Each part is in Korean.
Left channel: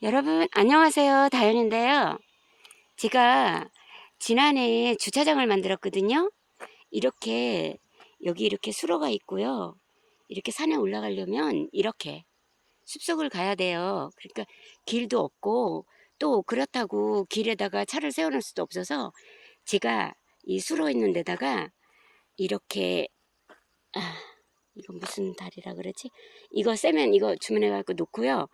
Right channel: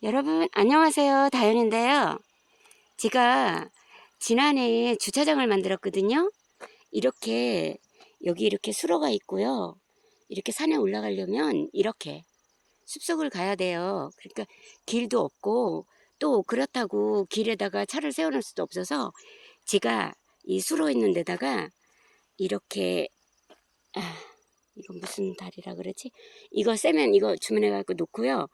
여러분 안녕하세요. 다현인데요. 제가 지난해에 주차장을 만들었거든요. 이렇게 여기 이렇게 수로가 있고요. 이렇게 산에 올라가려면 이렇게 숲속을 가야 돼요. 그러니까 길도 없고 또 그렇다고 길에다가 차를 세워놓을 수도 없어서 제가 이 수로 있는 데다가 이렇게 아, 이거 무슨 다리라 그러지? 이거 세면 이거 주문해 갖고 놓고요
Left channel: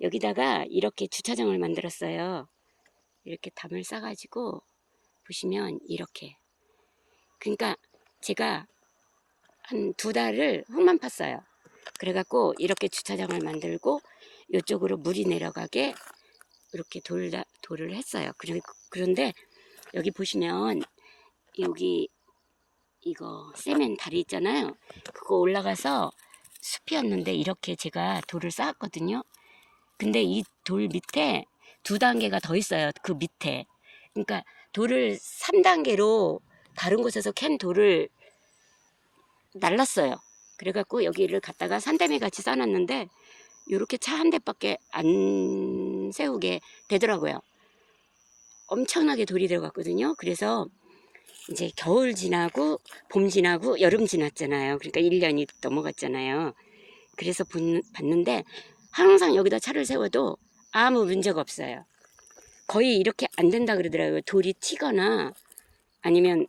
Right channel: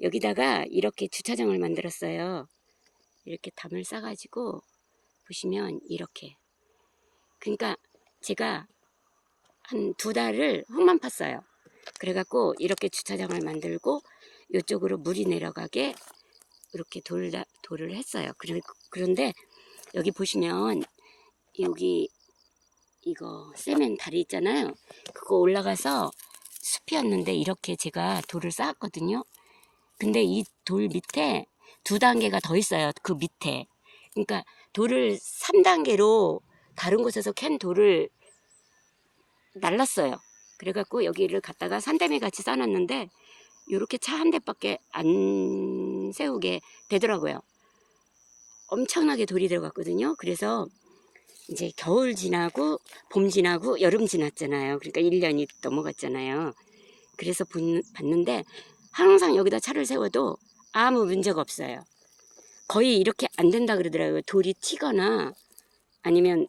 여기다가 이렇게 주차장을 만들었어요. 이렇게 담을 싸가지고 보시면 이렇게. 그러니까 제가 한 두 달을 흙만 팠어요. 그래갖고 이렇게 주차장을 만들고 이쪽으로 물이 내려가게 이렇게 돌, 돌을 했어요. 그런데 여기 보시면 여기 이거 세면 다리 있잖아요. 그거 올라가서 숲이었는데 이렇게 제가 돌을 쌓았거든요. 근데 이 돌 밑에 두 단계가 더 있어요. 그 밑에. 그러니까 돌을 3단계로 다른 곳에서 캔 돌을 날랐어요. 그래갖고 여기를 갖다가 산더미 같이 쌓아놨는데 이렇게 차 한 대밖에 안 세우게 되더라고요. 엄청나게 돌이 들어갔거든요. 그래서 이제 겨울 지나고 봄 지나고 여름 지났잖아요. 그러니까 1년이 넘어갔잖아요. 그래서 본- 봤는데 항상 여기다 차를 세워도 아무 문제가 없어요. 거의 이렇게 안 된다 그러더라고요. 돌이 튀거나 아니면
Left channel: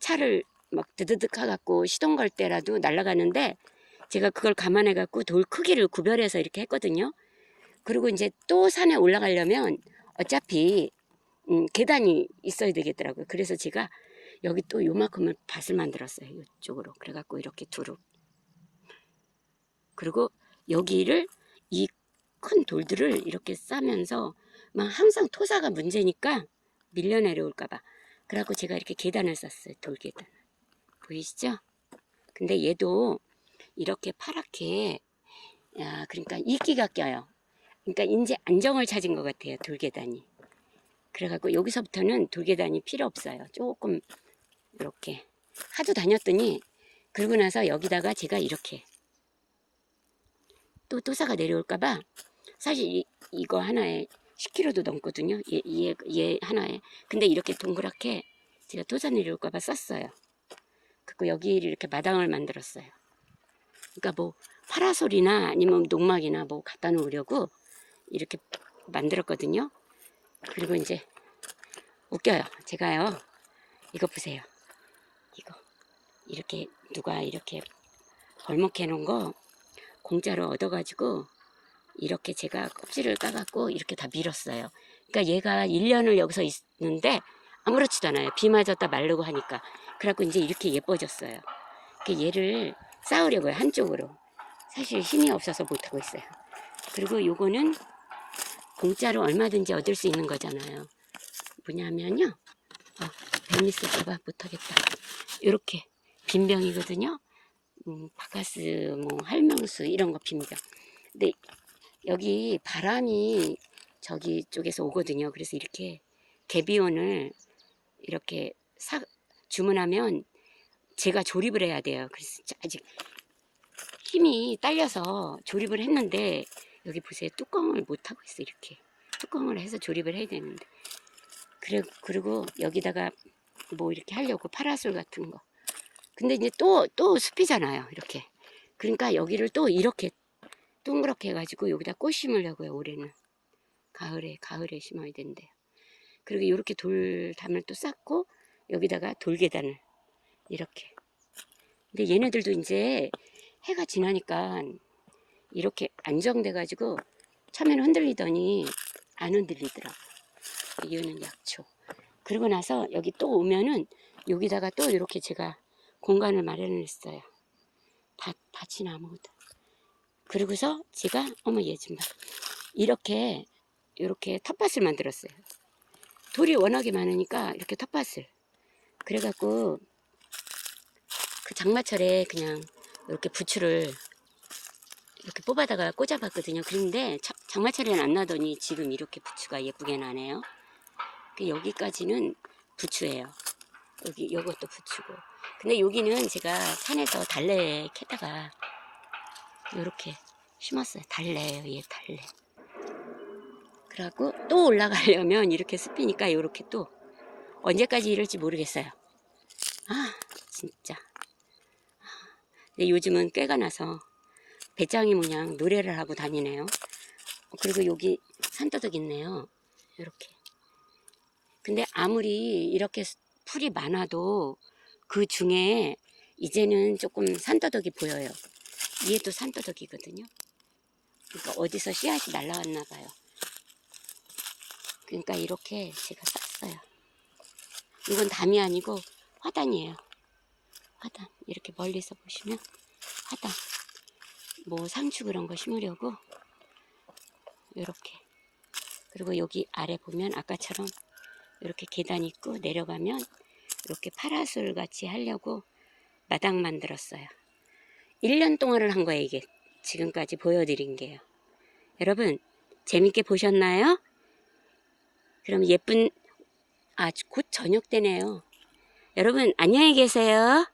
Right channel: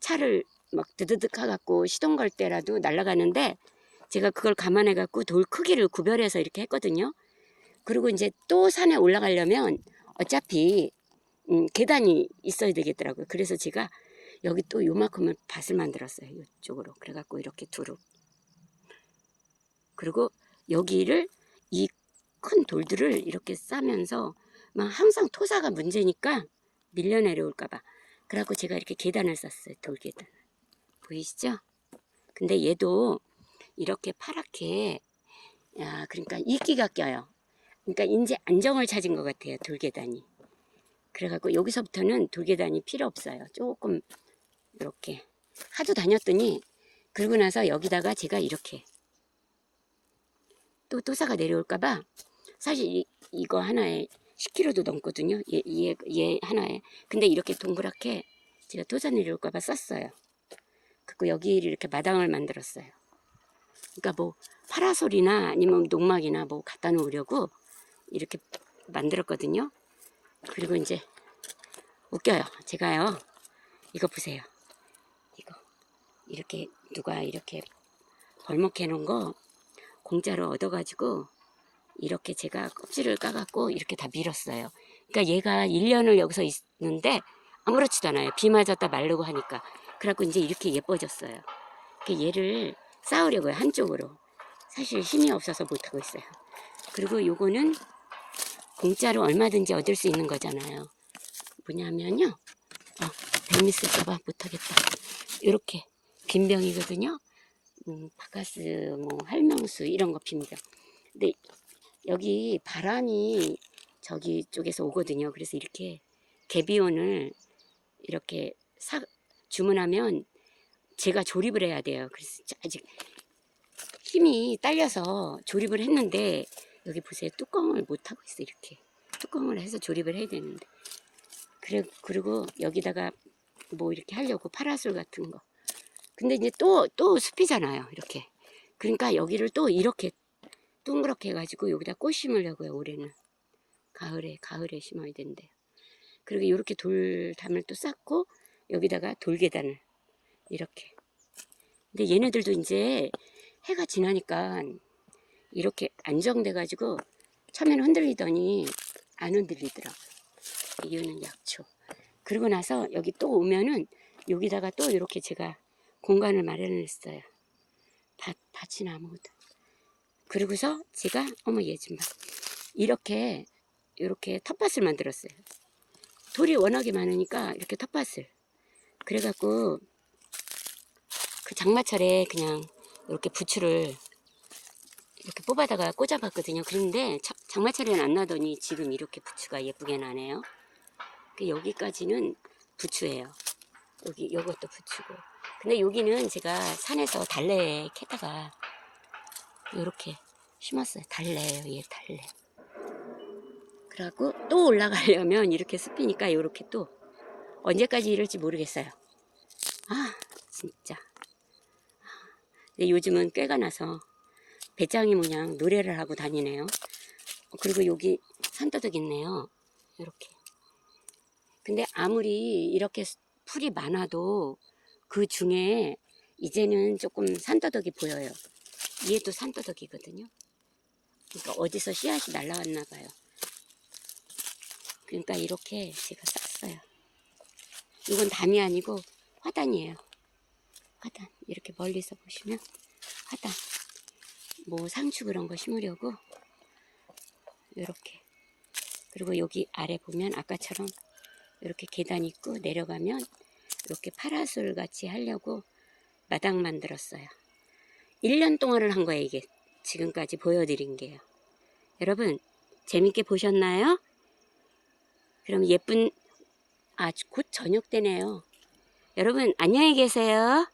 차를 막 드드득 하갖고 시동 걸 때라도 날아가는데 제가 그걸 감안해 갖고 돌 크기를 구별해서 이렇게 했거든요. 그리고 이제 또 산에 올라가려면 어차피 음, 계단이 있어야 되겠더라고요. 그래서 제가 여기 또 요만큼을 밭을 만들었어요. 이쪽으로. 그래갖고 이렇게 두루. 그리고 여기를 이 큰 돌들을 이렇게 싸면서 막 항상 토사가 문제니까 밀려 내려올까봐. 그래갖고 제가 이렇게 계단을 쌌어요. 돌계단. 보이시죠? 근데 얘도 이렇게 파랗게, 야, 그러니까 이끼가 껴요. 그러니까 이제 안정을 찾은 것 같아요. 돌계단이. 그래갖고 여기서부터는 돌계단이 필요 없어요. 조금 이렇게 하도 다녔더니 그러고 나서 여기다가 제가 이렇게 또 토사가 내려올까봐 사실 이, 이거 하나에 10kg도 넘거든요. 얘, 얘, 얘 하나에. 근데 이렇게 동그랗게 제가 토사 내려올까봐 썼어요. 그리고 여기를 이렇게 마당을 만들었어요. 그러니까 뭐 파라솔이나 아니면 농막이나 뭐 갖다 놓으려고 이렇게 만들었거든요. 그리고 이제 웃겨요. 제가요. 이거 보세요. 이거 이렇게 누가 이렇게 벌목해 놓은 거 공짜로 얻어가지고 이렇게 제가 껍질을 까갖고 이렇게 다 밀었어요. 그러니까 얘가 1년을 여기서 있는데 아무렇지도 않아요. 비 맞았다 마르고 하니까. 그래갖고 이제 이렇게 예뻐졌어요. 그 얘를 쌓으려고요. 한쪽으로. 사실 힘이 없어서 못하고 있어요. 그리고 요거는 공짜로 얼마든지 얻을 수 있는 거잖아요. 뭐냐면요. 어, 뱀 있을까봐 못하겠다. 요렇게 빈병이거든요. 음, 바카스, 뭐 할명수 이런 거 빈병. 근데 여기 바람이 저기 쪽에서 오거든요. 그래서 이렇게 개비온을 이렇게 사, 주문하면 제가 조립을 해야 돼요. 그래서 아직 힘이 딸려서 조립을 했는데 여기 보세요. 뚜껑을 못 하고 있어 이렇게 뚜껑을 해서 조립을 해야 되는데 그리고 여기다가 뭐 이렇게 하려고 파라솔 같은 거. 근데 이제 또 또 숲이잖아요. 이렇게 그러니까 여기를 또 이렇게 둥그렇게 해가지고 여기다 꽃 심으려고요. 올해는 가을에 가을에 심어야 된대요. 그리고 이렇게 돌담을 또 쌓고 여기다가 돌계단을 이렇게. 근데 얘네들도 이제 해가 지나니까 이렇게 안정돼가지고 처음에는 흔들리더니 안 흔들리더라고. 이유는 약초. 그리고 나서 여기 또 오면은 여기다가 또 이렇게 제가 공간을 마련했어요. 밭, 밭이 나무도. 그리고서 제가 어머 얘 좀 봐. 이렇게 이렇게 텃밭을 만들었어요. 돌이 워낙에 많으니까 이렇게 텃밭을. 그래갖고 그 장마철에 그냥 이렇게 부추를 이렇게 뽑아다가 꽂아봤거든요. 그런데 차- 장마철에는 안 나더니 지금 이렇게 부추가 예쁘게 나네요. 그 여기까지는 부추예요. 여기 요것도 부추고. 근데 여기는 제가 산에서 달래 캐다가 요렇게 심었어요. 달래예요, 얘 달래. 그러고 또 올라가려면 이렇게 습히니까 이렇게 또 언제까지 이럴지 모르겠어요. 아 진짜. 근데 요즘은 꾀가 나서 배짱이 모양 노래를 하고 다니네요. 어, 그리고 여기 산더덕 있네요. 이렇게. 근데 아무리 이렇게 풀이 많아도 그 중에 이제는 조금 산더덕이 보여요. 얘도 산더덕이거든요. 그러니까 어디서 씨앗이 날라왔나 봐요. 그러니까 이렇게 제가 쌌어요. 이건 담이 아니고 화단이에요. 화단. 이렇게 멀리서 보시면 화단. 뭐 상추 그런 거 심으려고 이렇게. 그리고 여기 아래 보면 아까처럼 이렇게 계단 있고 내려가면 이렇게 파라솔 같이 하려고 마당 만들었어요. 1년 동안을 한 거예요, 이게. 지금까지 보여드린 게요. 여러분, 재밌게 보셨나요? 그럼 예쁜, 아, 곧 저녁 되네요. 여러분, 안녕히 계세요.